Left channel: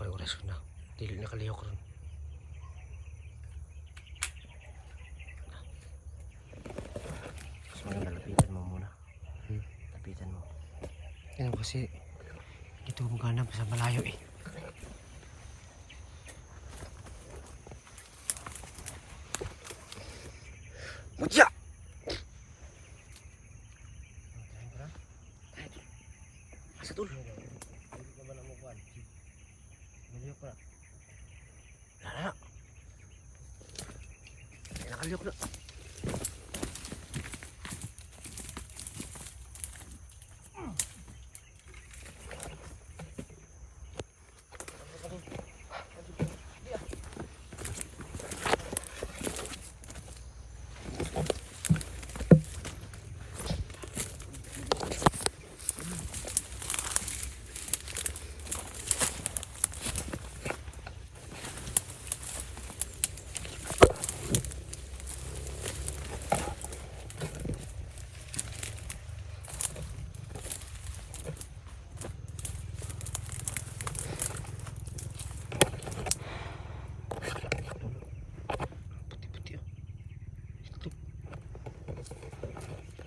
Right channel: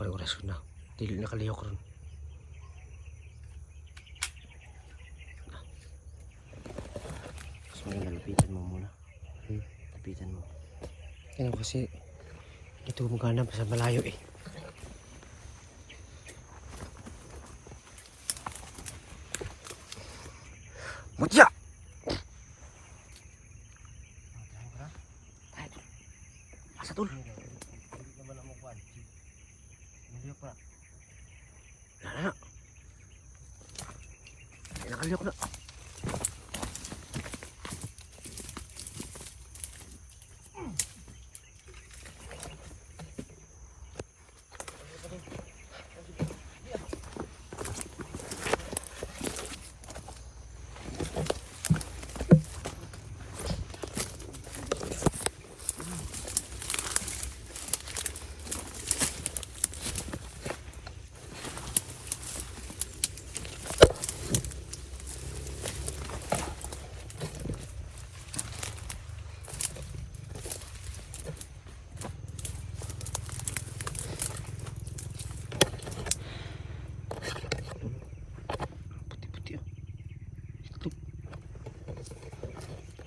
ko yung oras na. Dili nakalihok ron. So lapitan mo muna. Lapitan mo. Yan kasi dito magana pa sa malayo eh. Mutya! Asa tol? Nah, nakaliyok na.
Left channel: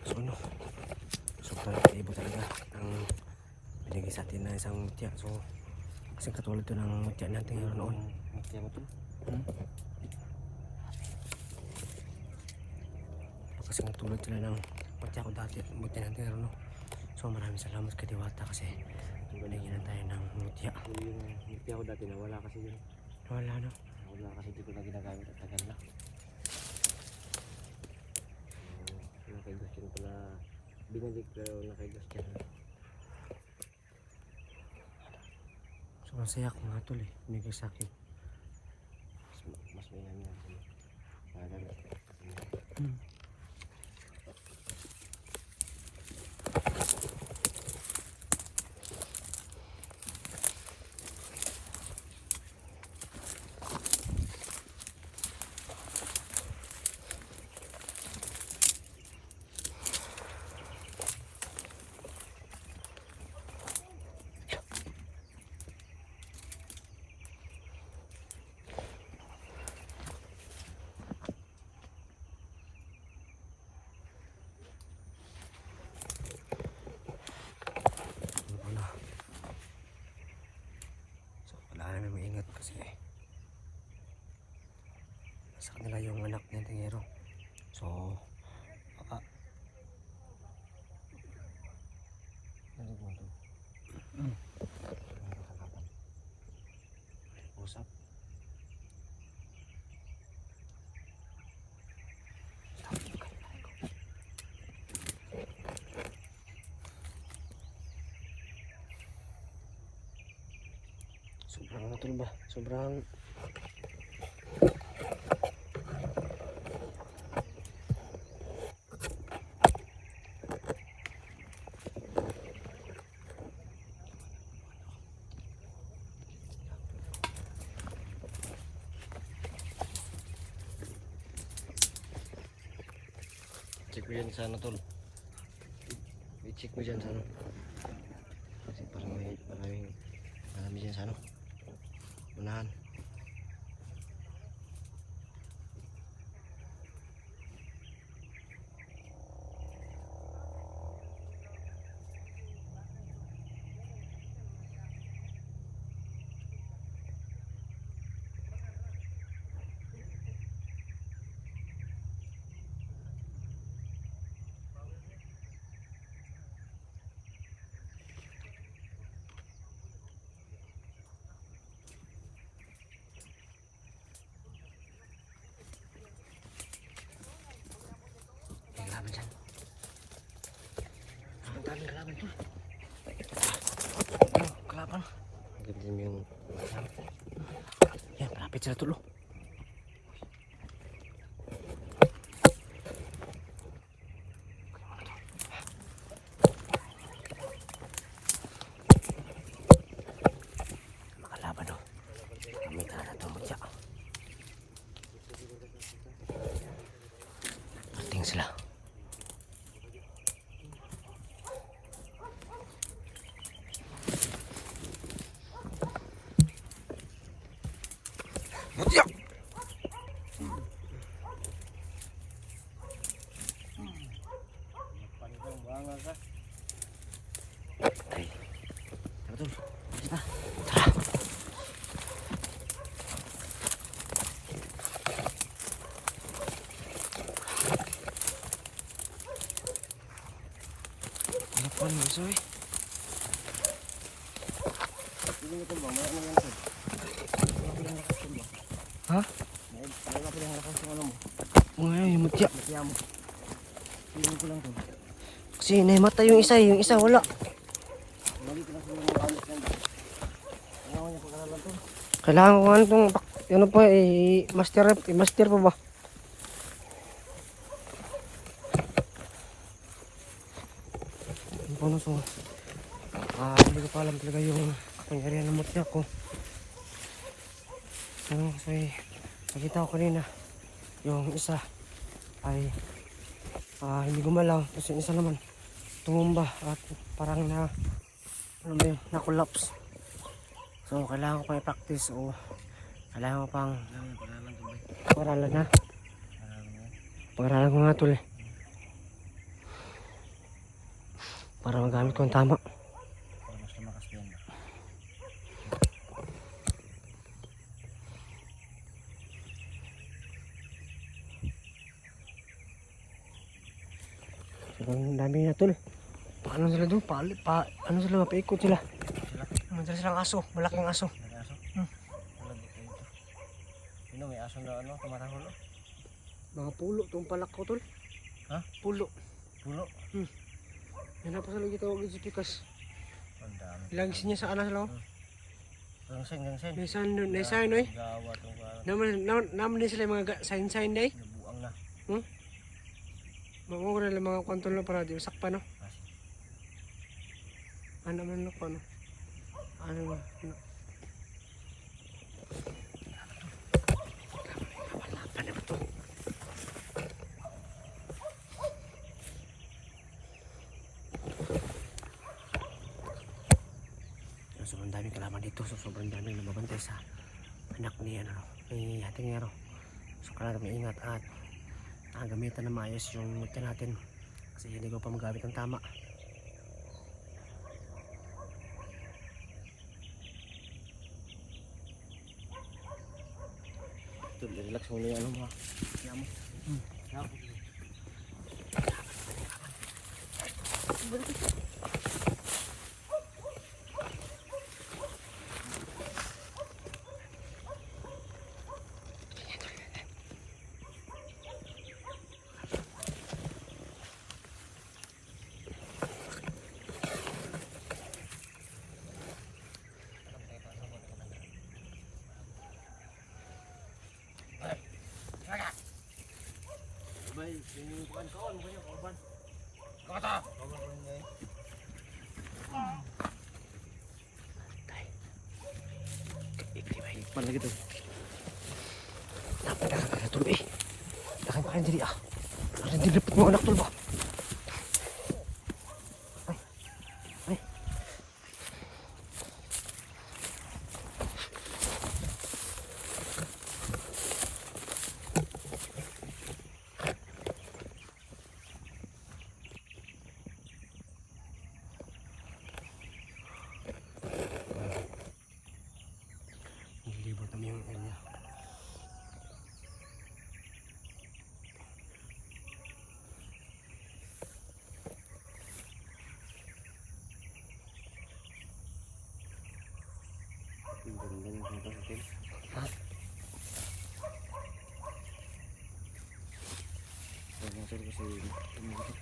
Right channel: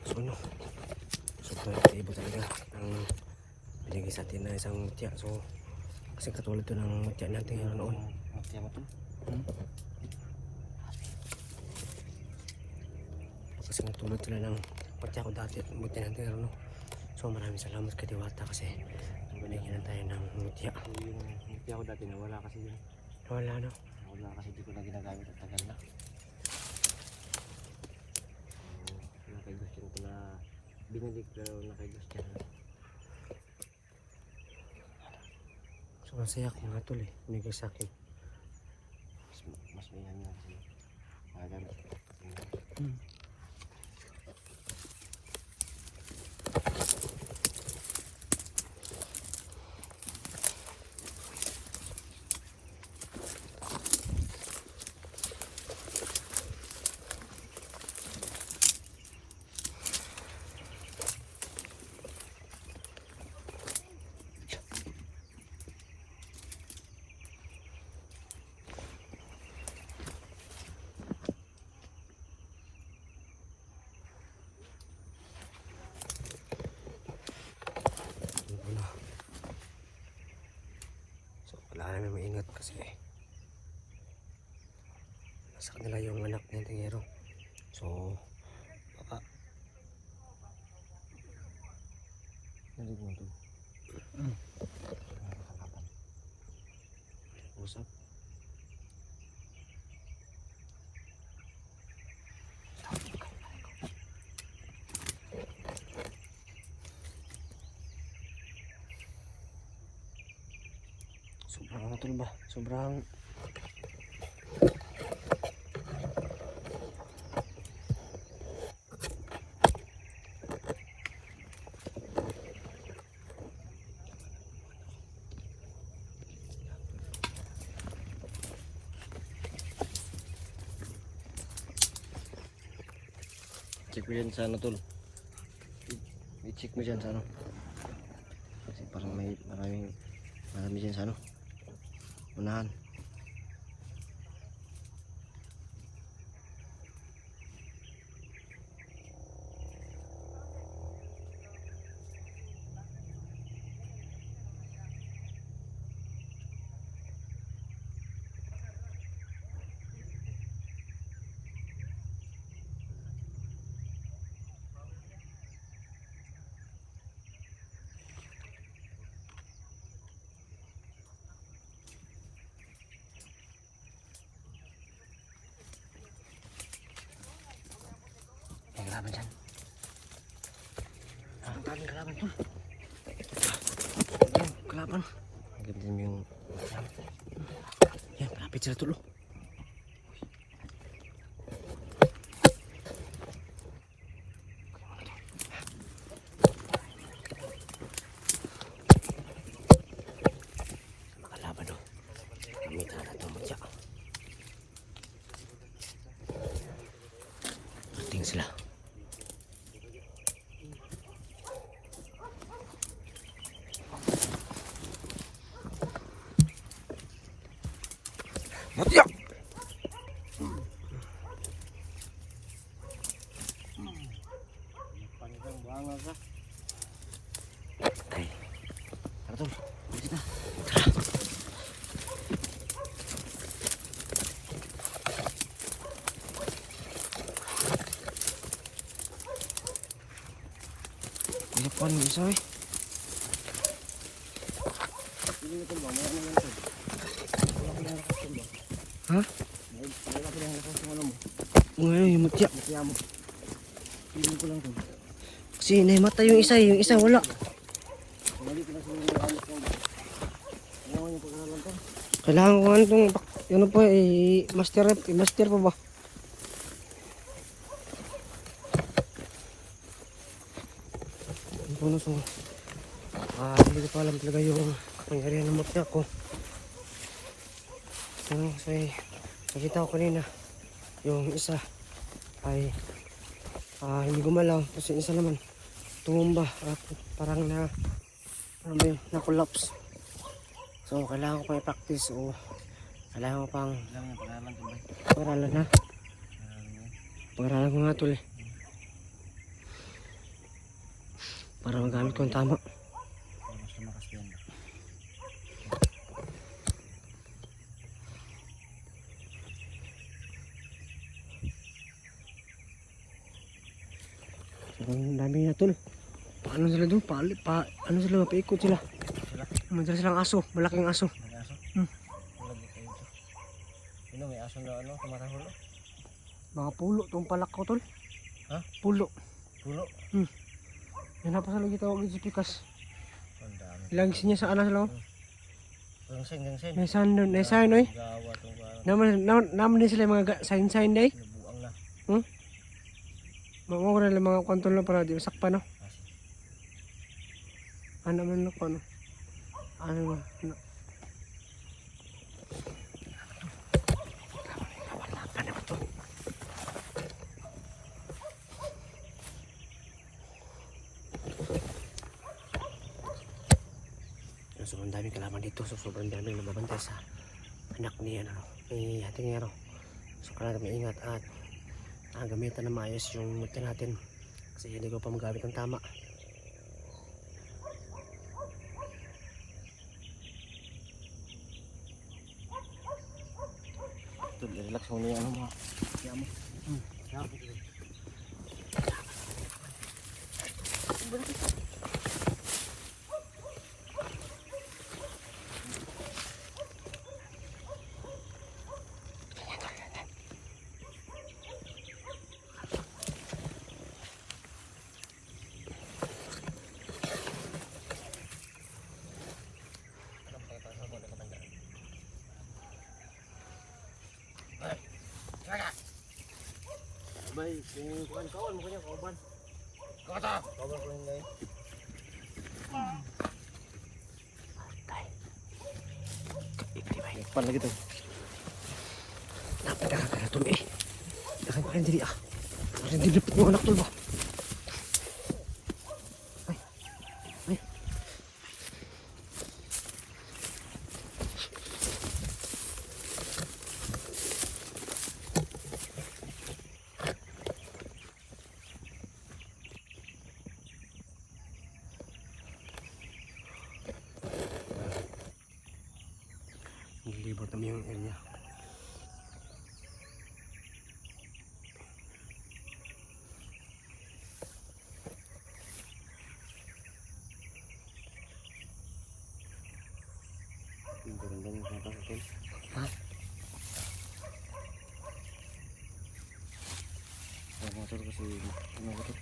So ano, sobrang iba talaga ang binigay sa atin na isang mutya. So kasi katulad to ng mutya natin yun noon. Kasi natulad sila ng mutya ko dati at mutya natin yun, no? So maraming salamat kay Diwata kasi binigyan tayo ng mutya. Mutya ko dati nawala kasi na. Wala no? Wala kasi di ko na ginagamit at tagal na. Binalik ko na kay Diyos dyan. So masaya ko mga tol eh, binigay sa akin. Mas mayan lang siya. Maganda. Kailangan namin maingat kasi nasa kanila yung anak ng tingero. So baka Narinig mo ito? Usap? sobrang matulog ba? Sobrang Check mo yan sa ano tol. I-check mo dyan sa ano. Kasi parang may marami dyan sa ano. Unahan. may kalaban dyan. Ang daming kalaban tol. Kalaban. Ganyan yun. Yan, malapit sila tol. Makalaban to. Kami talaga itong mutya. Tingin sila. umaga. Tara tol, kita. Hirapan mo isa eh. Hindi mo tol ba? May ano yan tol? Wala ko yung lakas tol ba? Ha? Wala ko yung lakas yung ano mo. Ano yung mutya? Matiya mo. Hindi ko lang tol. Kasi nahimatay yung isa wala. Mali ko lang siguro yung alis yan. Ayaw niya pag-aralan tol. Kailangan ko ano itong, ano pa master pa ba? Ano po na to? Hindi ko pa alam talaga yung kapangyarihan ng mutya ko. Ano, kasi nakita ko kanina, yung isa ay hindi gumalaw, kasi isa naman tumumba at parang ano ba yun, na-collapse. So kailangan ko pang i-practice o kailangan ko pang Kailangan yung pag-aralan tol ba? pag-aralan na. Pag-aralan mo. Pag-aralan ko nga tuloy. Para magamit ko ang tama. Para mas lumakas yan ba? Ang dami na tol. Paano sila doon? Ano sila? Paikot sila. Sila? Madala silang aso. Malaking aso. May aso? Hmm. Malabot kayo ito. Sino may aso na ano? Tumatahol oh? Mga pulo. Itong palak ko tol. Ha? Pulo. Pulo? Yan na pa sa lagi tawag ni Pikas. Ang dami. Ilagis niya sa alas lang. Gangsen, gangsen. May sign doon. May sign oy. Gawa itong Naman din sila yung mga sign day. nabuang na. Mga ko na lang mga kontrol na para di masakpa no. Ano man ko ano. Ano ba? Ano? So, ang daming kalaman dito. So, sobrang daming namabantay sa anak ni ating ngero. So, kailangan maingat at gamitan na maayos yung mutya natin. Kasi hindi ko pa magamit ng tama. Relax mo na yung ano mo. Kaya mo. Kaya mo. Bay, yung kuan kawan mo kanya kauban. Kata, kauban ko yung guys. Pan lagi tuh. Napakagala tuloy eh. Baka diri ah. Baka dilipit mo anak tuloy ba? Ay. Nilibot namin yung area. Yung barangay yung kanta natin. Ha? Yung motor kasi, yung motor.